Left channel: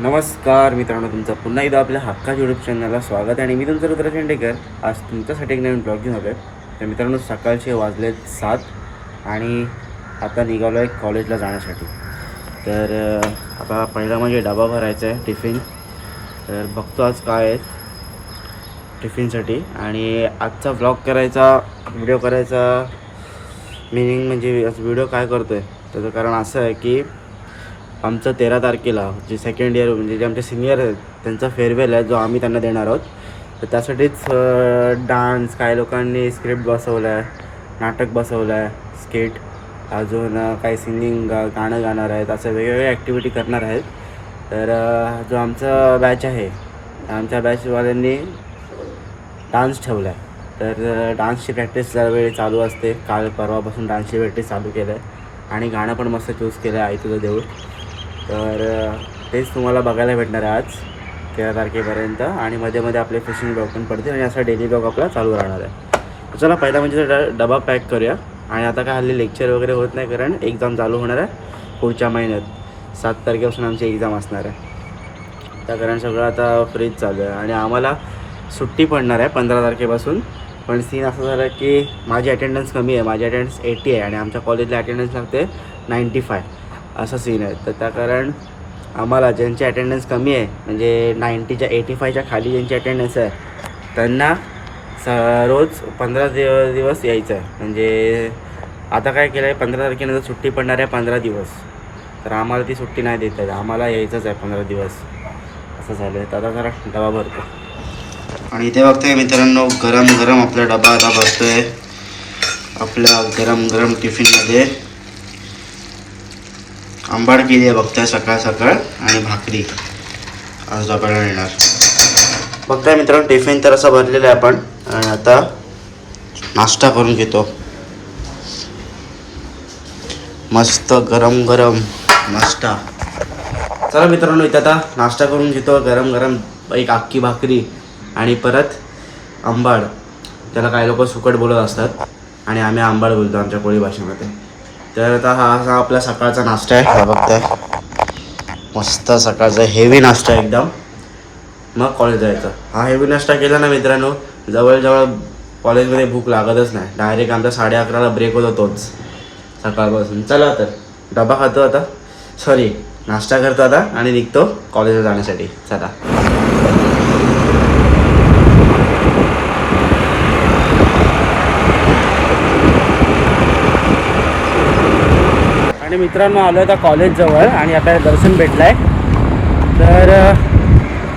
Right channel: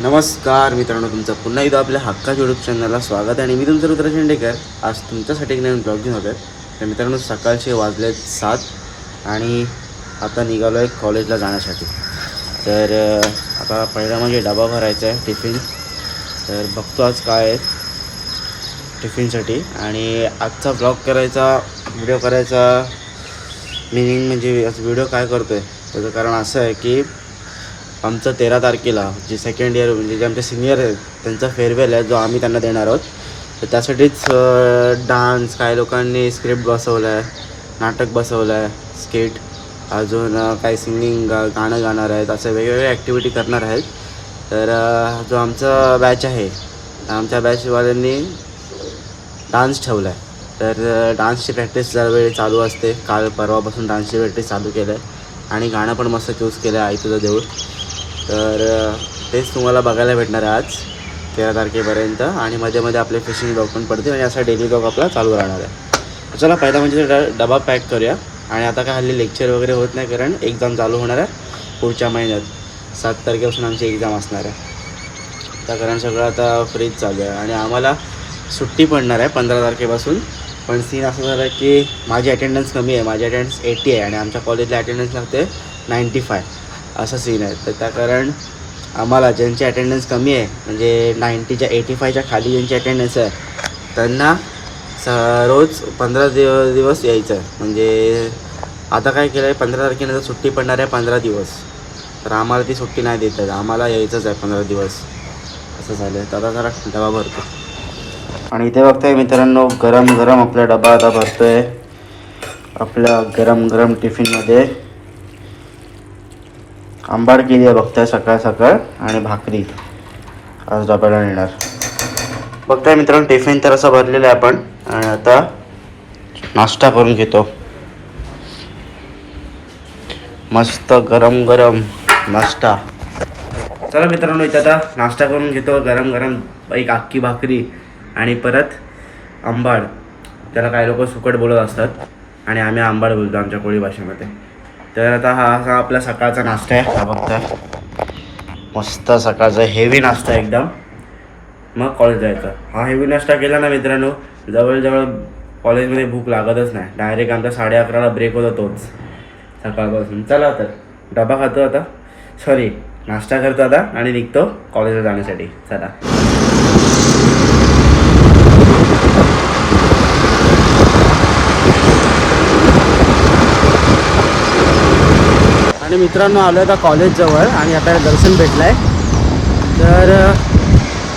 नमस्कार मित्रांनो, तुमचं पुन्हा एकदा आपल्या हक्काच्या यूट्यूब चॅनलला स्वागत आहे. आणि मी तुमचं रुद्र शेंडेकर. आज तुमच्यासाठी एक नवीन ब्लॉग घेऊन आलो आहे. तर मित्रांनो, सकाळचे वाजलेत 7 आणि आता निघालो आहे कॉलेजला जाण्यासाठी. तर आता पहिला म्हणजे डबा भरायचा आहे, टिफिन. तर बघतो आज काय आहे टिफिनसाठी. आणि आजचा ब्लॉग करायचा, व्हिडिओ करायचा मिनिंग म्हणजे आज व्हिडिओ काय करतो आहे त्याचं कारण असं आहे की आमचं 13 तारखेला जे सेकंड इयर म्हणजे जे आमचे सिनियर आहेत त्यांचा फेअरवेल आहे, जो आम्ही त्यांना देणार आहोत. तर त्यासाठीच डान्स, काही लोकांनी स्क्रिप्ट बसवलं आहे, नाटक बसवलं आहे, स्किट, अजून काही सिंगिंग, गाणं गाणार आहेत, असं वेगवेगळ्या ॲक्टिव्हिटी करणार आहेत. तर जो आमचा बॅच आहे, आमच्या बॅचवाल्यांनी डान्स ठेवला आहे. तर डान्सची प्रॅक्टिस दरवेळी चालू असते. काल परवापासून डान्सची प्रॅक्टिस चालू केलं आहे आणि गाणं पण मस्त चूज केलं आहे, आई तुझं देऊळ. तर तेच तुम्हाला बघायला भेटणार आहे आज 13 तारखेपर्यंत. आणि मध्ये मध्ये आपले फिशिंग ब्लॉग पण पडतील आणि असा डेली ब्लॉग आपला चालू राहणार आहे. चला पहिला म्हणजे डबा पॅक करूया. आणि आता काय हल्ली लेक्चर वगैरे होत नाही, कारण एक्झाम चालू होणार आहे पुढच्या महिन्यात. 7 तारखेपासून आमची एक्झाम असणार आहे. त्या कारण सगळं आता फ्रीज चालू आहे आणि आम्हाला सुट्टी पडणार आहे 15 तारखेपासून. पण सीन असं झालं आहे की माझी अटेंडन्स कमी आहे. माझी अटेंडन्स 80 आहे आणि आमच्या कॉलेजला अटेंडन्स लागते 95. असं सीन आहे. तर त्या कारण आम्हाला ज्यांची अटेंडन्स कमी आहे, म्हणजे 90च्या 85च्या खाली ज्यांची अटेंडन्स आहे, त्यांना रोज 15 दिवस यायचं आहे. म्हणजे आता काय केलं आहे, 15 तारखेनंतर सुट्टी पडणार आहे 15 दिवस. तर आम्हाला ती सुट्टी नाही देत आहे, आम्हाला यायचंच आहे 15 दिवस. असं झालं आहे. तर आता जरा डबा भरतो. आणि इथे बघताय मित्रांनो, गरम गरम आपला डबा आता भरतो आहे आपल्या गरम गरम टिफिनमध्ये. आंबाड केली आहे बघताय सकाळ सकाळ, आणि भाकरी आज डब्याला येणार. बघताय मित्रांनो, टिफिन तर असं भरलेलं आहे आपण. आणि आता नाश्ता करून घेतो, मस्त गरम गरम नाश्ता. चला मित्रांनो, इथं आता नाश्ता करून घेतो. गरम गरम एक अख्खी भाकरी आणि परत आंबाड. त्याला काही लोक सुकट बोलत असतात आणि आम्ही आंबाड बोलतो आमच्या कोळी भाषेमध्ये. तर आता हा असा आपला सकाळचा नाश्ता आहे. हा बघताय, मस्त सकाळचा हेवी नाश्ता एकदम. मग कॉलेज जायचं. हा हेवी नाश्ता केला ना मित्रांनो, जवळजवळ कॉलेजमध्ये भूक लागतच नाही. डायरेक्ट आमचा 11:30ला ब्रेक होतो तोच सकाळपासून. चला तर डबा खातो आता, सॉरी नाश्ता करतो आता आणि निघतो कॉलेजला जाण्यासाठी. चला. आणि मित्रांनो, आलो आहे आता कॉलेजजवळ आणि आपल्याला दर्शन भेटलं आहे. तर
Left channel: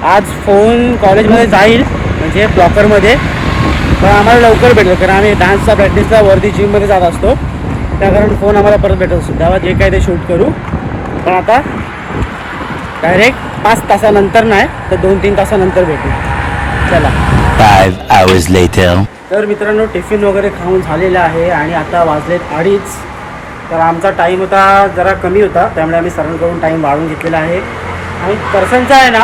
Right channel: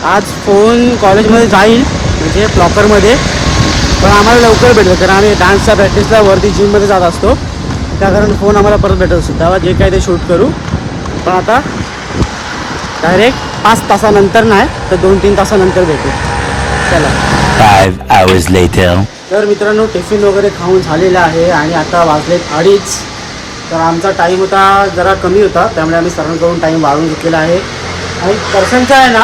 आज फोन कॉलेजमध्ये जाईल, म्हणजे प्रॉपरमध्ये. पण आम्हाला लवकर भेटलं, कारण आम्ही डान्सच्या प्रॅक्टिसला वरती जिममध्ये जात असतो. त्या कारण फोन आम्हाला परत भेटत असतो. तेव्हा जे काय ते शूट करू. पण आता डायरेक्ट 5 तासानंतर नाही तर 2-3 तासानंतर भेटू. चला. 5 hours later. तर मित्रांनो, टिफिन वगैरे खाऊन झालेलं आहे आणि आता वाजलेत 2:30. तर आमचा टाईम होता जरा कमी होता, त्यामुळे आम्ही सरांकडून टाईम वाढवून घेतलेला आहे. आणि दर्शनचा आहे ना,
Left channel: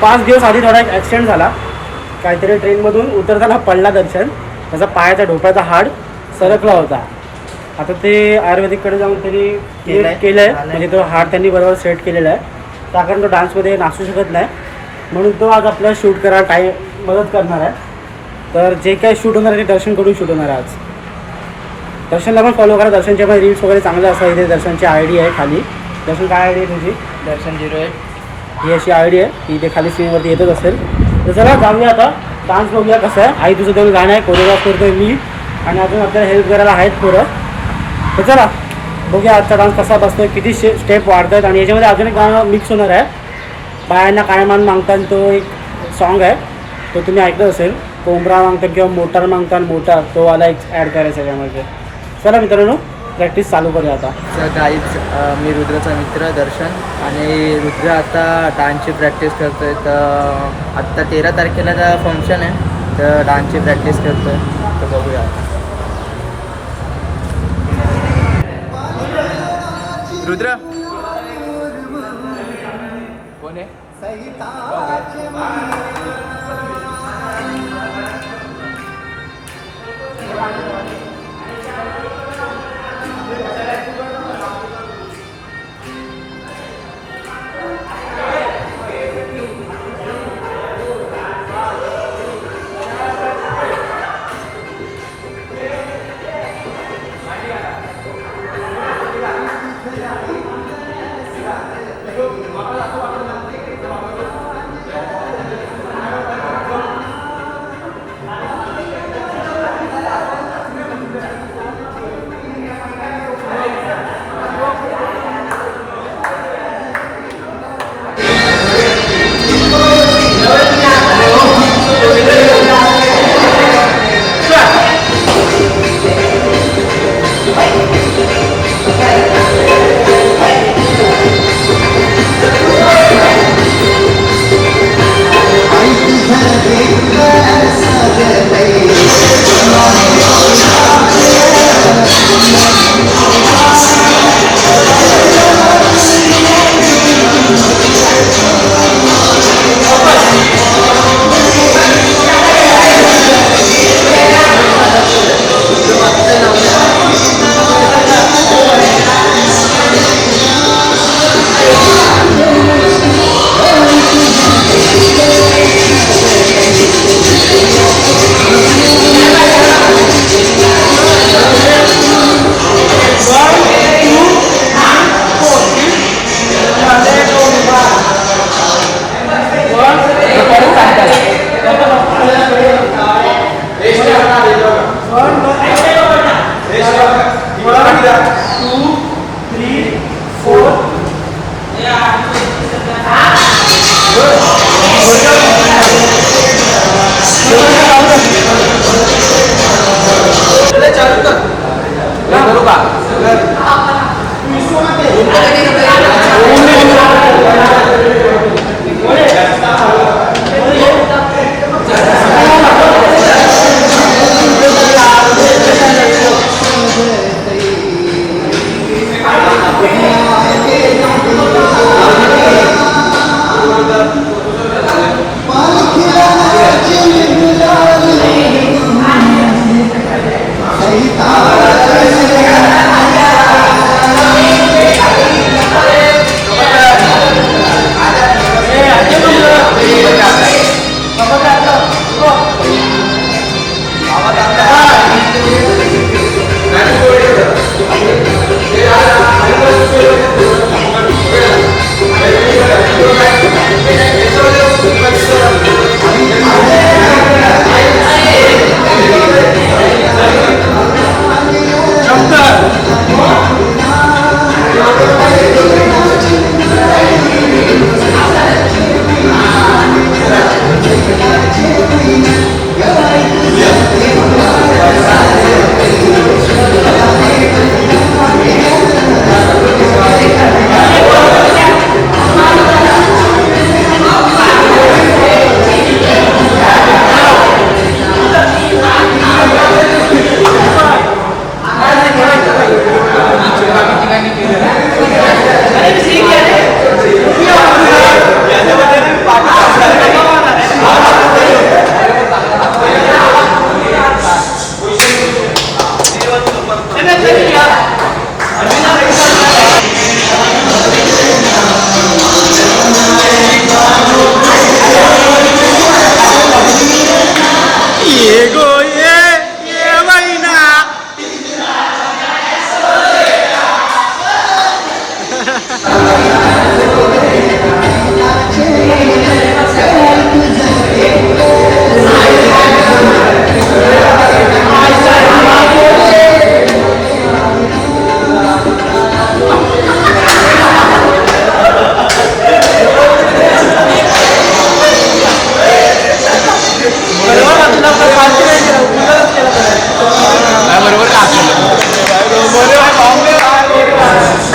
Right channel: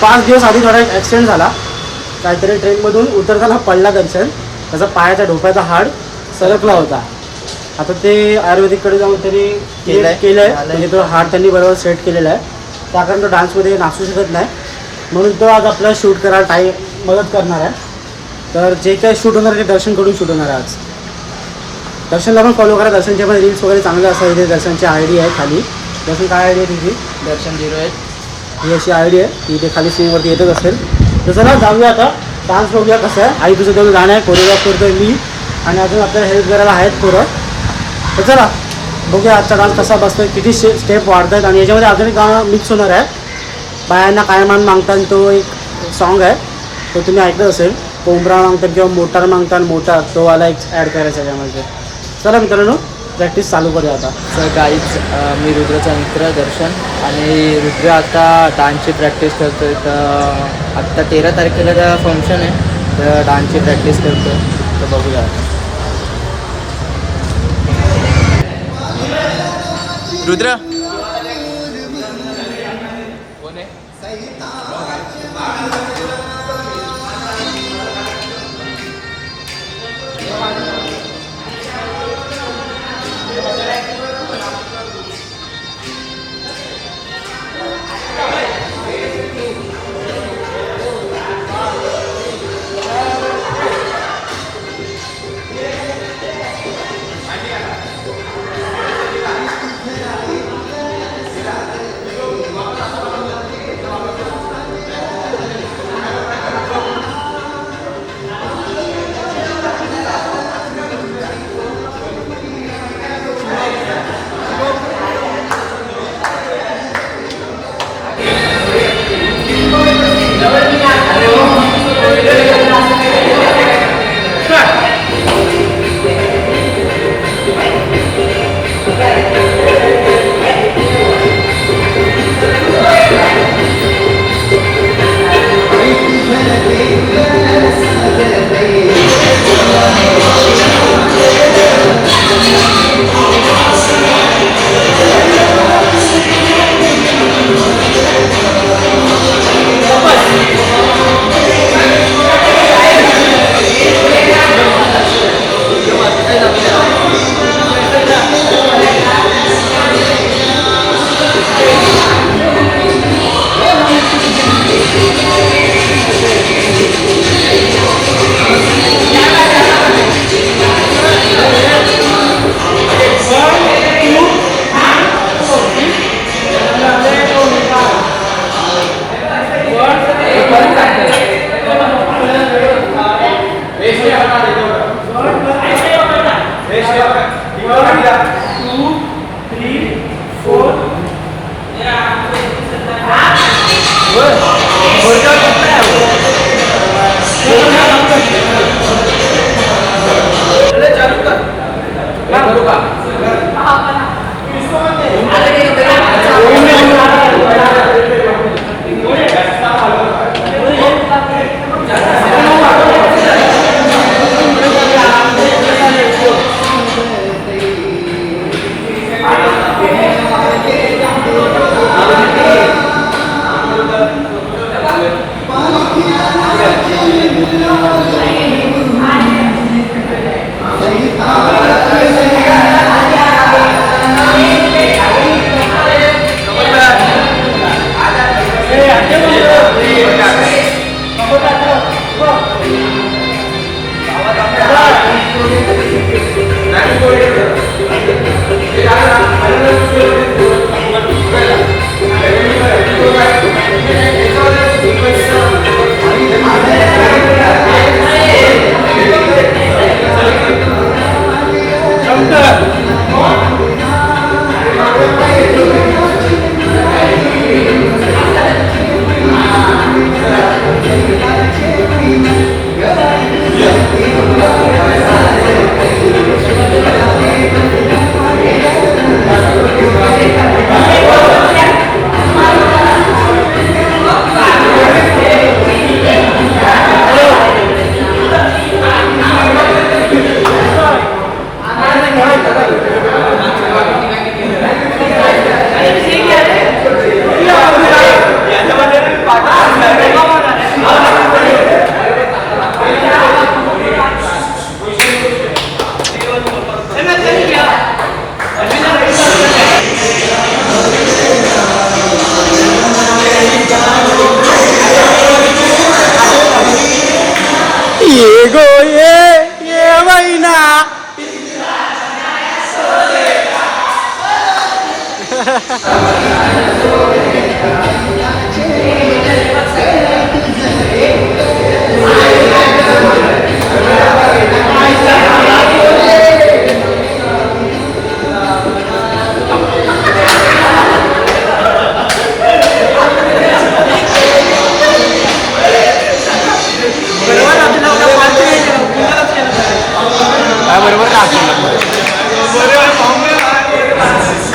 5 दिवस आधी थोडा ॲक्सिडेंट झाला. काहीतरी ट्रेनमधून उतरताना पडला दर्शन. त्याचा पायाचा ढोप्याचा हाड सरकला होता. आता ते आयुर्वेदिककडे जाऊन त्यांनी केलं आहे, म्हणजे तो हाड त्यांनी बरोबर सेट केलेला आहे. त्या कारण तो डान्समध्ये नाचू शकत नाही, म्हणून तो आज आपल्याला शूट करायला मदत करणार आहे. तर जे काही शूट होणार आहे ते दर्शनकडून शूट होणार आहे आज. दर्शनला पण फॉलो करा. दर्शनचे पण रील्स वगैरे चांगले असतात. इथे दर्शनची ID आहे खाली. दर्शन काय ID आहे तुझी? दर्शन 08. ही अशी ID आहे, ती इथे खाली स्क्रीनवरती येतच असेल. तर चला जाऊया आता, डान्स बघूया कसं आहे. आई तुझं तेवढं गाणं आहे, कोरिओग्राफ करतो आहे मी, आणि अजून आपल्याला हेल्प करायला आहेत पोरं. तर चला बघूया आजचा डान्स कसा बसतो, किती स्टेप वाढत आहेत. आणि याच्यामध्ये अजून एक गाणं मिक्स होणार आहे, बायांना काय मान मागतात, तो एक सॉन्ग आहे, तो तुम्ही ऐकलं असेल. कोंबरा मागतात किंवा मोटार मागतात, मोटार, तो वाला एक ॲड करायचा आहे त्यामध्ये. चला मित्रांनो, प्रॅक्टिस चालू करूया आता. सर गाईज, मी रुद्रचा मित्र दर्शन, आणि रुद्र आता डान्सची प्रॅक्टिस करतो आहे. तर आत्ता 13 तारखेला त्या फंक्शन आहे, तर डान्सची प्रॅक्टिस करतो आहे. तर बघूया आता. रुद्र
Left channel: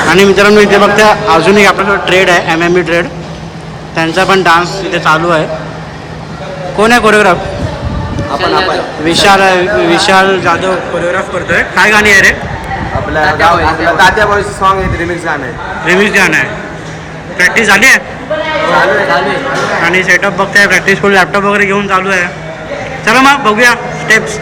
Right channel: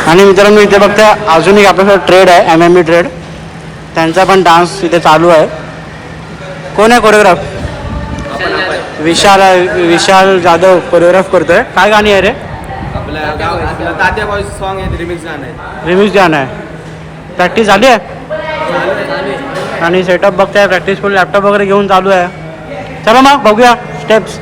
आणि मित्रांनो इथे बघता अजून एक आपल्यासोबत ट्रेड आहे MMA ट्रेड, त्यांचा पण डान्स इथे चालू आहे. कोण आहे कोरिओग्राफ? विशाल जाधव कोरिओग्राफ करतोय. काय गाणी आहे रे? आपला तात्या बॉयज सॉन्ग आहे, रिमिक्स गाणं आहे. रिमिक्स गाणं आहे. प्रॅक्टिस झाली आहे आणि सेटअप बघताय, प्रॅक्टिस फुल लॅपटॉप वगैरे घेऊन चालू आहे. चला मग बघूया स्टेप्स.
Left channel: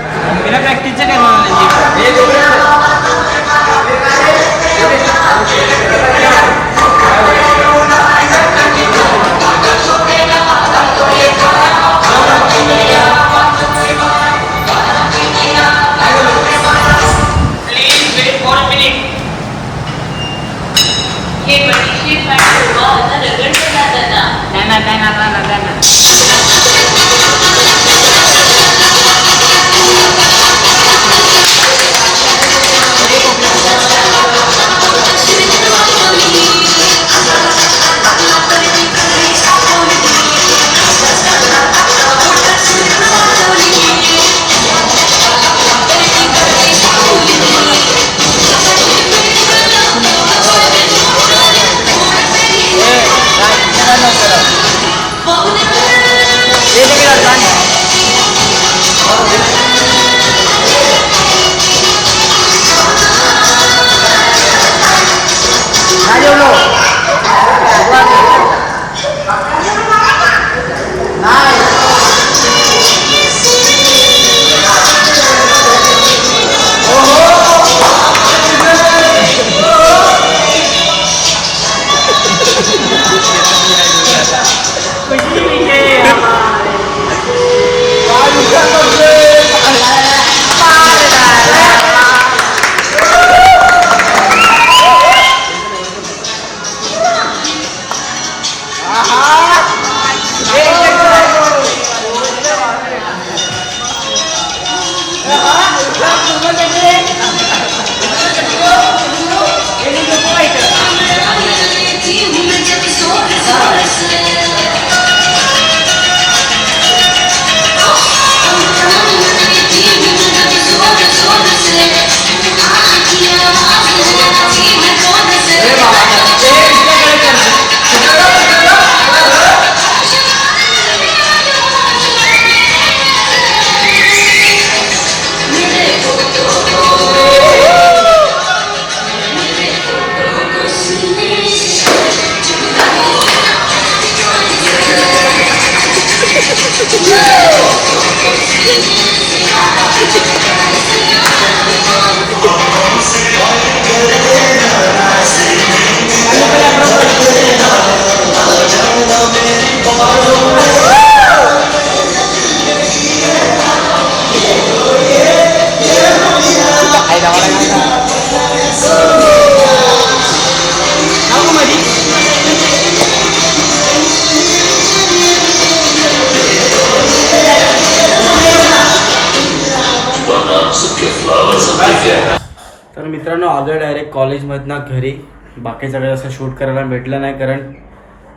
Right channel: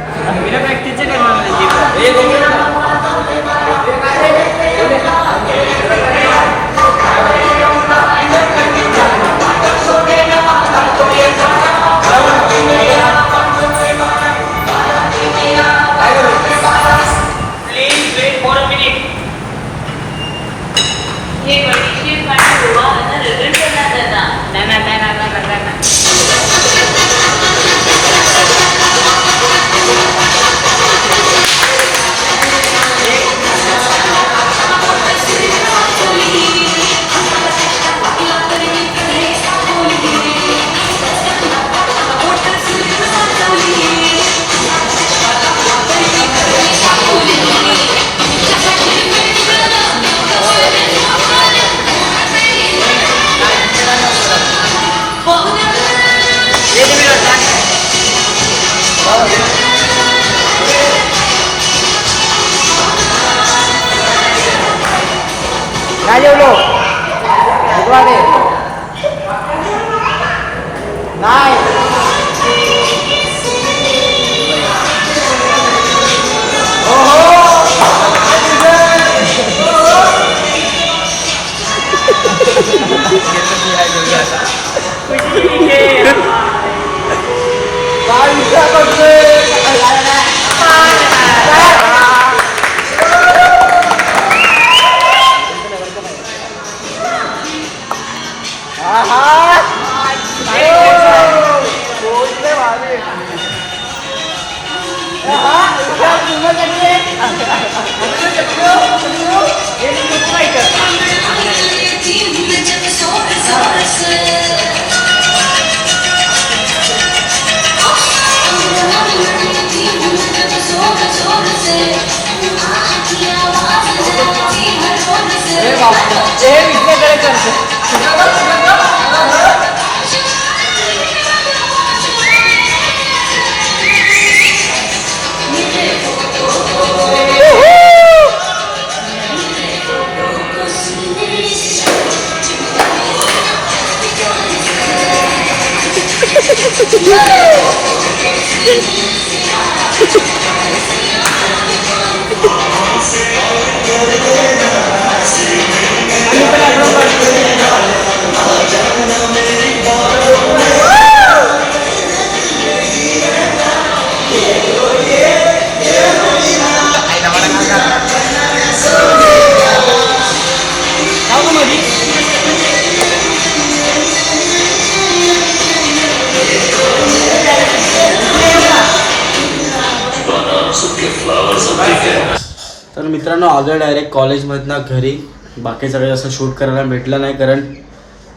तर मित्रांनो आलो डायरेक्ट कॉलेजमधनं घरी. बाकी सगळं असं शूट करायला भेटलं नाही, कारण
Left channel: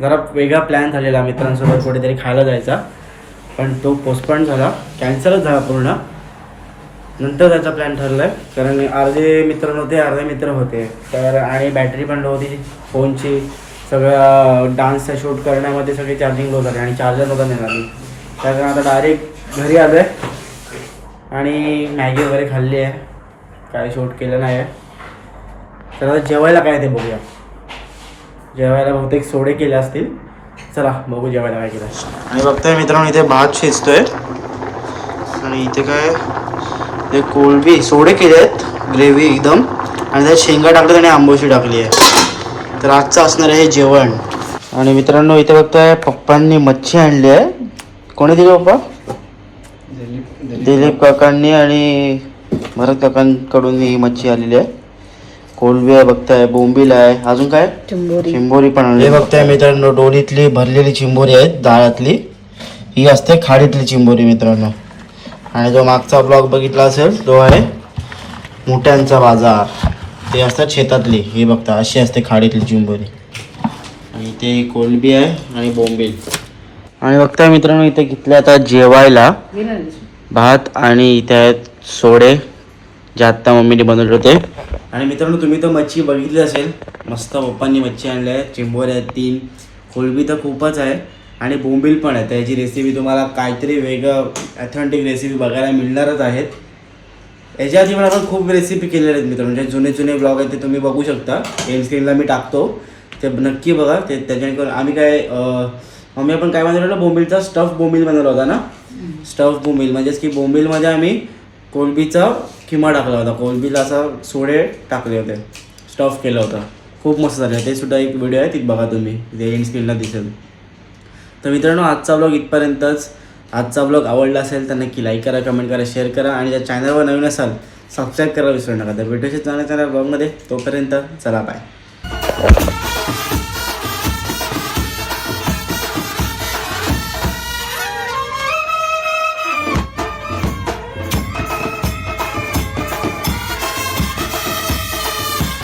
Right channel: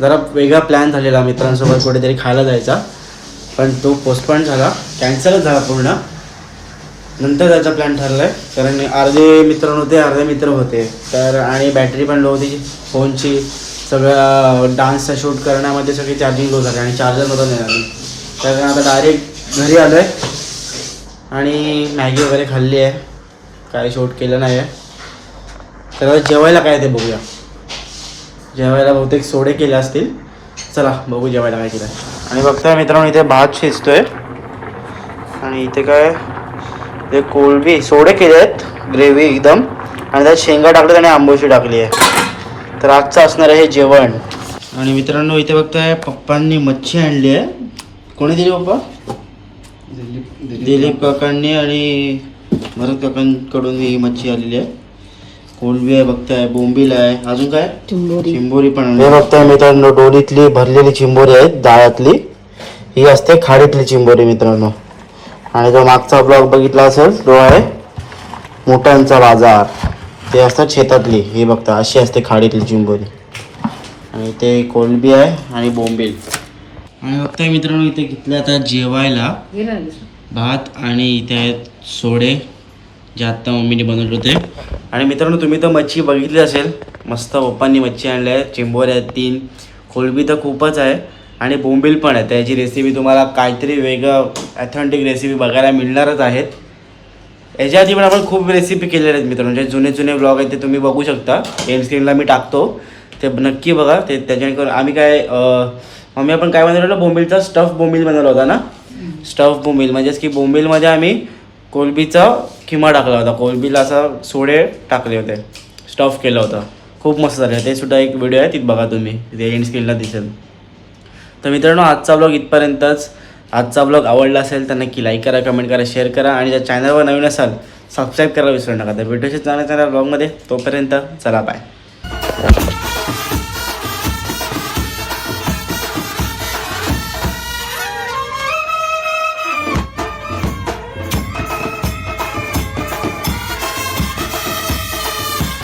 जरा वेगळा प्लॅन झालेला मित्रांसोबत कुठेतरी खायला जायचा, पण तो पोस्टपोन झाला, कॅन्सलच झाला पूर्ण. नंतर त्याचा प्लॅन ठरला आहे, कारण अर्धे मित्र नव्हते, अर्धे मित्र होते तर, आणि बॅटरी पण लो होती फोनची. सगळं डान्सचा शूट करण्यामध्ये सगळी चार्जिंग लो झाली आणि चार्जर नव्हता नेणार. तर आता डायरेक्ट घरी आलो आहे आणि मॅगी वगैरे खाल्ली आहे, काय शूट केलं नाही आहे. तर आता जेवायला काय ते बघूया. जेवायला बहुतेक सोडे केले असतील. चला बघू जेवायला काय केलं. आणि बघताय मित्रांनो इथे भात शिजतोय आणि इथे काय ते कोळंबी सोडे केले आहेत, ग्रेव्ही एकदम, आणि त्यात शेंगा टाकले आणि आंबोशी टाकली आहे. तर आजचं असणार आहे हे जेवण. आणि मित्रांनो इथे बघताय पप्पांनी मच्छी आणली आहे. कोणी दिली पप्पा? दिलीप काकांनी आणि भरत काकांकडून ही मच्छी आलेली आहे. कोलंबी आहे बघताय, बोंबील आहे, अजून काय चिंबोरी पण आणली. हे बघताय मित्रांनो डोलीतली भरलेली चिंबोरी आहेत, दाळ्यातली. ही असते खाडीतली चिंबोरी मित्रांनो. आणि जो मागचा ब्लॉग बघितला असेल तो आहे मोठ्यांचा बाजार, ते असतात शेतातली. हे बघता अशी असते खाडीतली चिंबोरी. आणि ते कोलंबी आहे आणि बोंबील. आणि बघताय मित्रांनो इथे घेतले आता जेवायला भात आणि इथे आहेत सोडे जे आत्ता मम्मीने बनवले होते. आणि मित्रांनो तुम्ही तर मच्छी बघितली असेल, मस्त पप्पांनी मच्छी आणली आहे. चिंबोऱ्या आहेत 3, कोलंबी तर खूपच आहे आणि बोंबील पण आहे. त्याची रेसिपी तुम्हाला काहीतरी वेगळं ॲथेंटिक रेसिपी बघायला मिळणारच आहेत. याच्या आधी पण आपण खूप रेसिपी केलेल्या आहेत मित्रांनो, जे जुने ब्लॉग आहेत ते तुम्ही बघू शकता. एम स्क्रीनला मी टाकतो, ते नक्की बघा. ते त्याच्याने आम्ही काय मम्मी आपण काय बनवलेलं, बोंबीलचा स्टफ बोंबील बनवला होता ना. स्टफ बोंबील म्हणजेच की बोंबीलमध्ये आम्ही कोलंबीचा किमा टाकला होता, कोलंबीला असा सोडे टाकले होते, स्टफ केलं होतं. खूप मस्त झालं. ते सुद्धा एक व्हिडिओ आहे, तिथे बघा तुम्ही, ते एंड स्क्रीनला दिसेल. तर मित्रांनो आजचा ब्लॉग इथपर्यंतच. आजचा ब्लॉग आवडला असेल तर नक्की लाईक करा, कमेंट करा, शेअर करा आणि जर चॅनलवर नवीन असाल सबस्क्राईब करायला विसरू नका. तर भेटूचे चांगल्या ब्लॉगमध्ये. तोपर्यंत चला बाय.